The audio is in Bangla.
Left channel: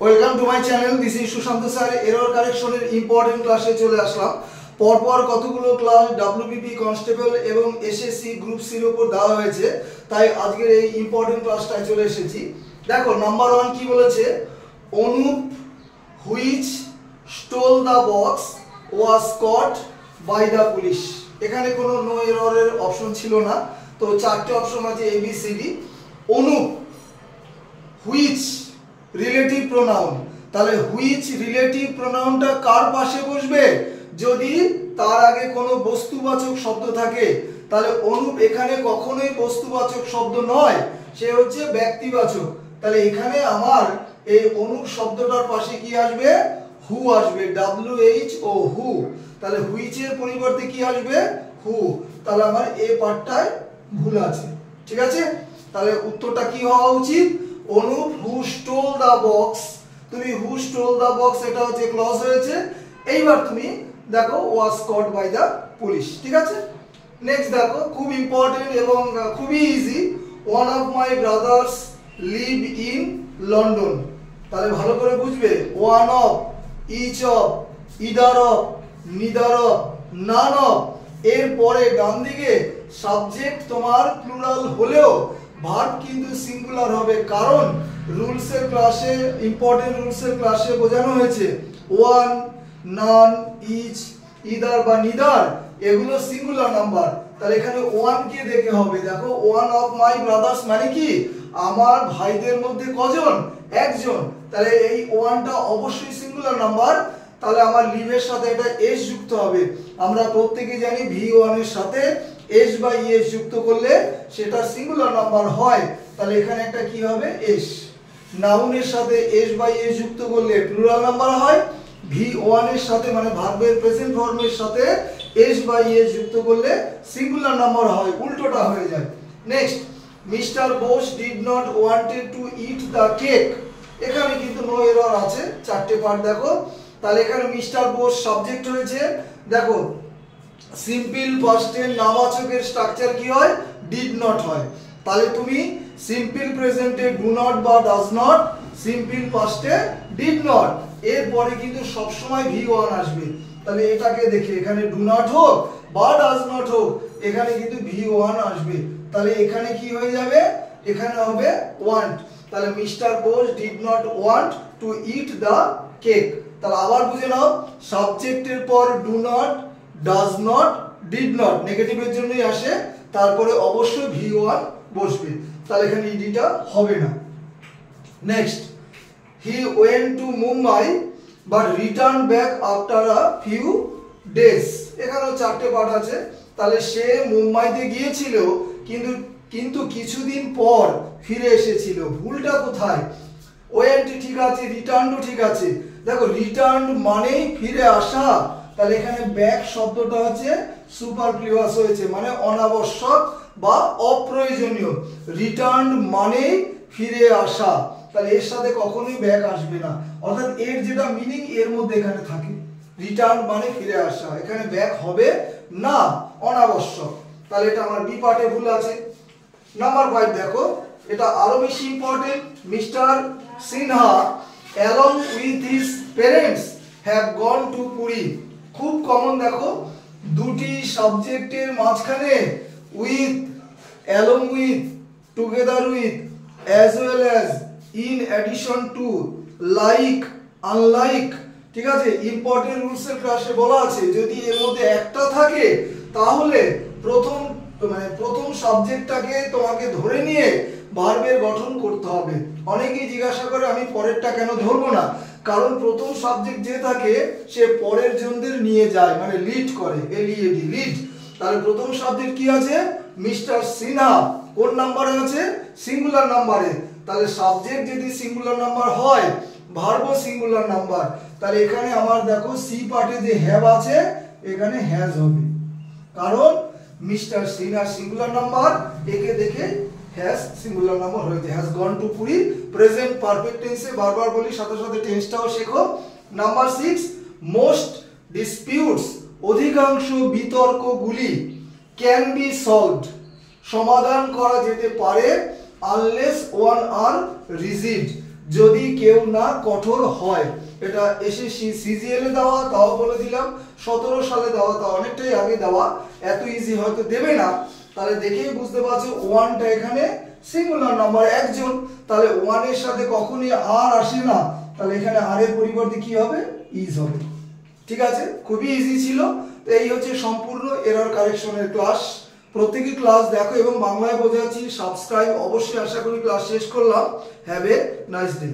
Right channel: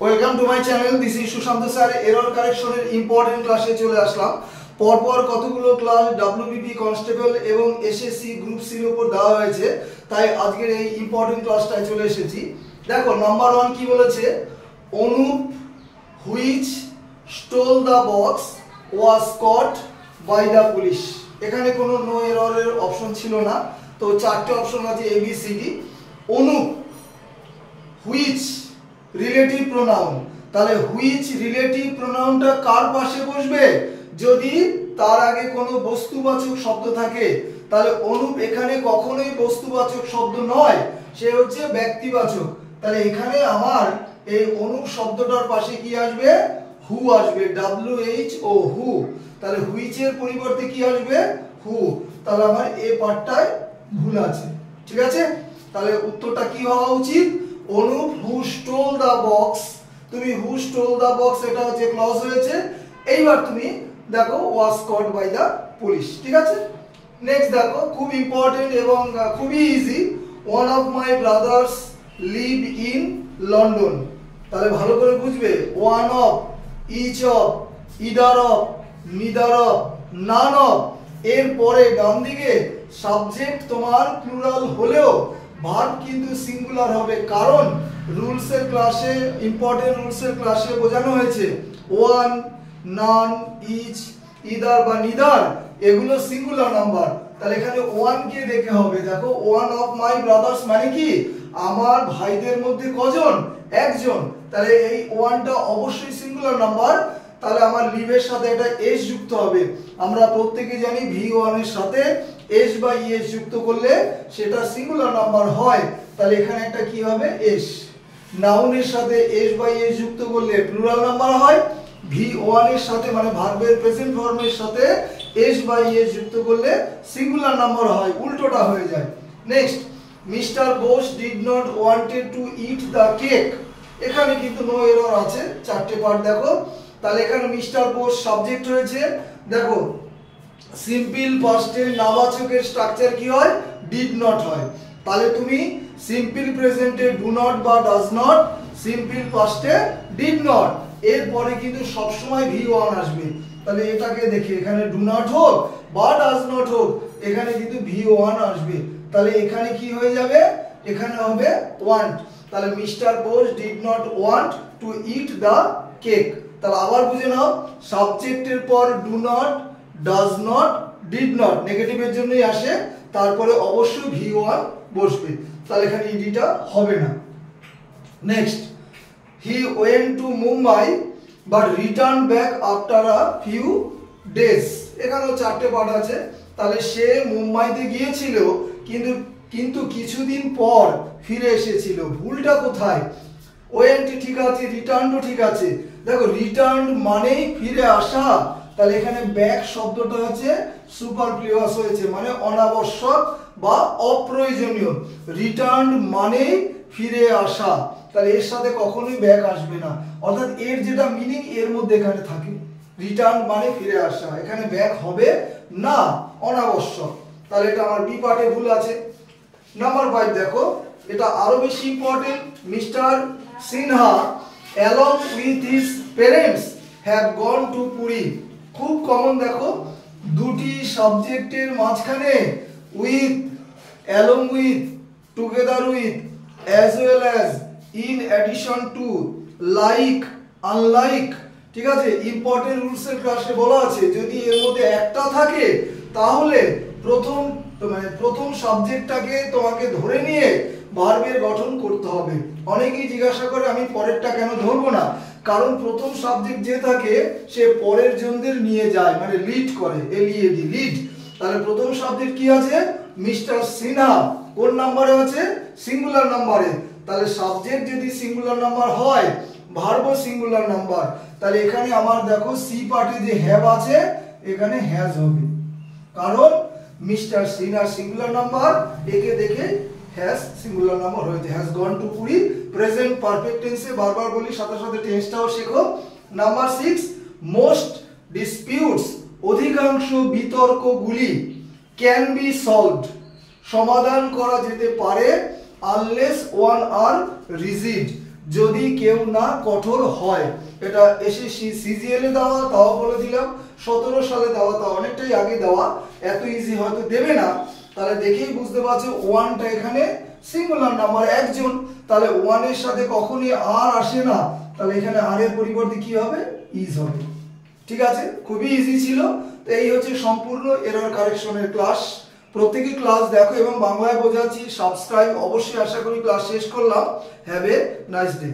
Welcome to my channel, this is Sushant sir. Error কারেকশনের ইম্পর্টেন্ট ক্লাসে চলে আসলাম। পরপর কতগুলো ক্লাস ডাব্লিউবিপি কনস্টেবল এবং এসএসসি গ্রুপ সির উপর দেওয়া হয়েছে, তাই আজকের এই ইম্পর্টেন্ট ক্লাসটায় চলে এসেছি। দেখো, নাম্বার 1 কি বলেছে? Anup which stole the box was caught by the police. এখানে কোনো নো এররের অপশন ছিল না, তো চারটে অপশন আছে ABCD। Anup, which relative pronoun, তাহলে হুইচ রিলেটিভ প্রোনাউনটা কার পাশে বসবে? যদি তার আগে কোনো বস্তুবাচক শব্দ থাকে, তাহলে অনুপ এখানে কখনোই বস্তুবাচক শব্দ নয়, সে হচ্ছে ব্যক্তিবাচক। তাহলে এখানে আমার এই অনুপ শব্দটার পাশে কি আসবে? হু আসবে, WHO, হু। তাহলে হুইচের পরিবর্তে কি আসবে? হু। তাহলে আমার এই পার্টটায় ভুল আছে, ঠিক আছে? তাহলে উত্তরটা কি হওয়া উচিত? Anup who stole the box. তুমি হু স্টোল দা বক্স, এটা হচ্ছে ক্লজ হয়েছে। এইবার তুমি দেখো ওয়াজ কট বাই দা পুলিশ, ঠিক আছে? নেক্সট দেখো, খুব ইম্পর্টেন্ট এবং খুবই easy. One of my brothers live in London. তাহলে ভালো করে বুঝবে, one of, each of, either of, neither of, none of, এর পরে ডান দিকে সাবজেক্ট তোমার প্লুরাল হলেও ভার্ব কিন্তু সিঙ্গুলার হবে, কারণ রুলসের ক্লাসে, ইম্পর্টেন্ট রুলসের ক্লাসে বোঝানো হয়েছে ওয়ান, নান, ইচ, ইদার বা নিদার এগুলো সিঙ্গুলার নাম্বার। তাহলে এখানে ওয়ান কে দেখে হবে। দেখো, ওয়ান অফ মাই ব্রাদার্স মানে কি? আমার ভাইদের মধ্যে কজন? একজন। তাহলে এই ওয়ানটা অবশ্যই সিঙ্গুলার নাম্বার। তাহলে আমার লিভের সাথে এটা এস যুক্ত হবে। আমরা প্রত্যেকে জানি V1 এর সাথে এস বা ইএস যুক্ত করলে সেটা সিঙ্গুলার নাম্বার হয়। তাহলে এখানে একটা কি হবে? এস। নাউনের সাথে এস বা ইএস যুক্ত করলে প্লুরাল নাম্বার হয়। V1 এর সাথে মানে ভার্বের প্রেজেন্ট ফর্মের সাথে এস বা ইএস যুক্ত করলে সিঙ্গুলার নাম্বার হয়, উল্টোটা হয়ে যায়। Next, mister Bose did not wanted to eat the cake. এখানে কিন্তু নো এরর আছে, চারটে পার্ট দেখো। তাহলে এখানে মিস্টার বোস সাবজেক্ট হয়েছে। দেখো, সিম্পল পাস্টে নাবাচকের স্ট্রাকচার কি হয়? ডিড নট হয়। তাহলে তুমি সিম্পল প্রেজেন্টে ডু নট বা ডাজ নট, সিম্পল পাস্টে ডিড নট, এরপরে কিন্তু সবসময় V1 আসবে। তাহলে এটাকে দেখি, এখানে ডু নট হোক বা ডাজ নট হোক, এখানে কিন্তু V1 আসবে। তাহলে এখানে কি হয়ে যাবে? এখানে হবে ওয়ান্ট। তাহলে mister Bose did not want to eat the cake. তাহলে আবার বুঝে নাও, সাবজেক্টের পর do not, does not, did not নেগেটিভের জন্যই আসে, তারপরে অবশ্যই V1 বসবে। তাহলে এখানে ইডিটা হবে না। Next, he went to Mumbai but return back after a few days. এখানেও চারটে পার্ট আছে। তাহলে সে মুম্বাইতে গিয়েছিল কিন্তু কিছুদিন পর ফিরে এসেছিল। ভুলটা কোথায়? ওয়েন্ট ঠিক আছে, রিটার্নও ঠিক আছে। দেখো, রিটার্ন মানেই ফিরে আসা। তাহলে এখানে ব্যাক শব্দটা হচ্ছে সুপারফ্লুয়াস হয়েছে, মানে অনাবশ্যক বা অপ্রয়োজনীয়। রিটার্ন মানেই ফিরে আসা, তাহলে এর সাথে কখনোই ব্যাক আসবে না। অর্থাৎ এর যেটা মিনিং এর মধ্যে এখানে থাকে, রিটার্ন মানে ফিরে আসা, এখানে ব্যাক হবে না, অনাবশ্যক। তাহলে এটা আমার বি পার্টে ভুল আছে। নাম্বার 5 দেখো, এটা আরো বেশি important. Mister Sinha along with his parents have gone to Puri. খুব কমন। দেখো, দুটি সাবজেক্টের মাঝখানে with, along with, together with, as well as, in addition to, like, unlike, ঠিক আছে? ইম্পর্টেন্ট রুলসের ক্লাসে বলা আছে যদি এর মধ্যে একটা থাকে তাহলে প্রথম সাবজেক্টটাকে তোমাকে ধরে নিয়ে ভার্বের গঠন করতে হবে। অনেকেই জিজ্ঞাসা করে আমি পরেরটা কেন ধরবো না? কারণ প্রথম সাবজেক্ট যে থাকে সে পরের জনদের নিয়ে যায়, মানে লিড করে, LEAD, লিড। তাহলে প্রথম সাবজেক্ট কি আছে? মিস্টার সিনহা। কোন নাম্বারে আছে? সিঙ্গুলার নাম্বারে। তাহলে সাবজেক্ট যদি সিঙ্গুলার নাম্বার হয়, ভার্বও সিঙ্গুলার নাম্বার। তাহলে এখানে আমার দেখো সি পার্টে যে হ্যাভ আছে, এখানে হ্যাজ হবে, কারণ মিস্টার সিনহা সিঙ্গুলার নাম্বার, একে দেখে হ্যাজ সিঙ্গুলার নাম্বার হয়েছে। Has gone to Puri, present perfect টেন্সে বারবার বলি, সাথে সাথে টেন্সটাও শেখো। নাম্বার 6, মোস্ট ডিসপিউটস, অধিকাংশ বিতর্কগুলি, ক্যান বি সলভড, সমাধান করা যেতে পারে, আনলেস ওয়ান আর রিজিড, যদি কেউ না কঠোর হয়। এটা এসএসসি সিজিএল এ দেওয়া, তাও বলে দিলাম 17 সালে দেওয়া, তা অনেকটাই আগে দেওয়া, এত ইজি হয়তো দেবে না। তাহলে দেখেই বুঝতে পারছো ওয়ানটা এখানে সিঙ্গুলার নাম্বার একজন, তাহলে ওয়ান এর সাথে কখনই আর আসে না, তাহলে এখানে আর এর পরিবর্তে কি হবে, ইজ হবে। ঠিক আছে, খুবই ইজি ছিল। তো এই হচ্ছে সম্পূর্ণ এরর কারেকশনের ক্লাস। প্রত্যেকই ক্লাস দেখো এবং বাংলায় বোঝাচ্ছি, সাবস্ক্রাইব অবশ্যই, আশা করি ক্লাস শেষ করলাম। Have a nice day.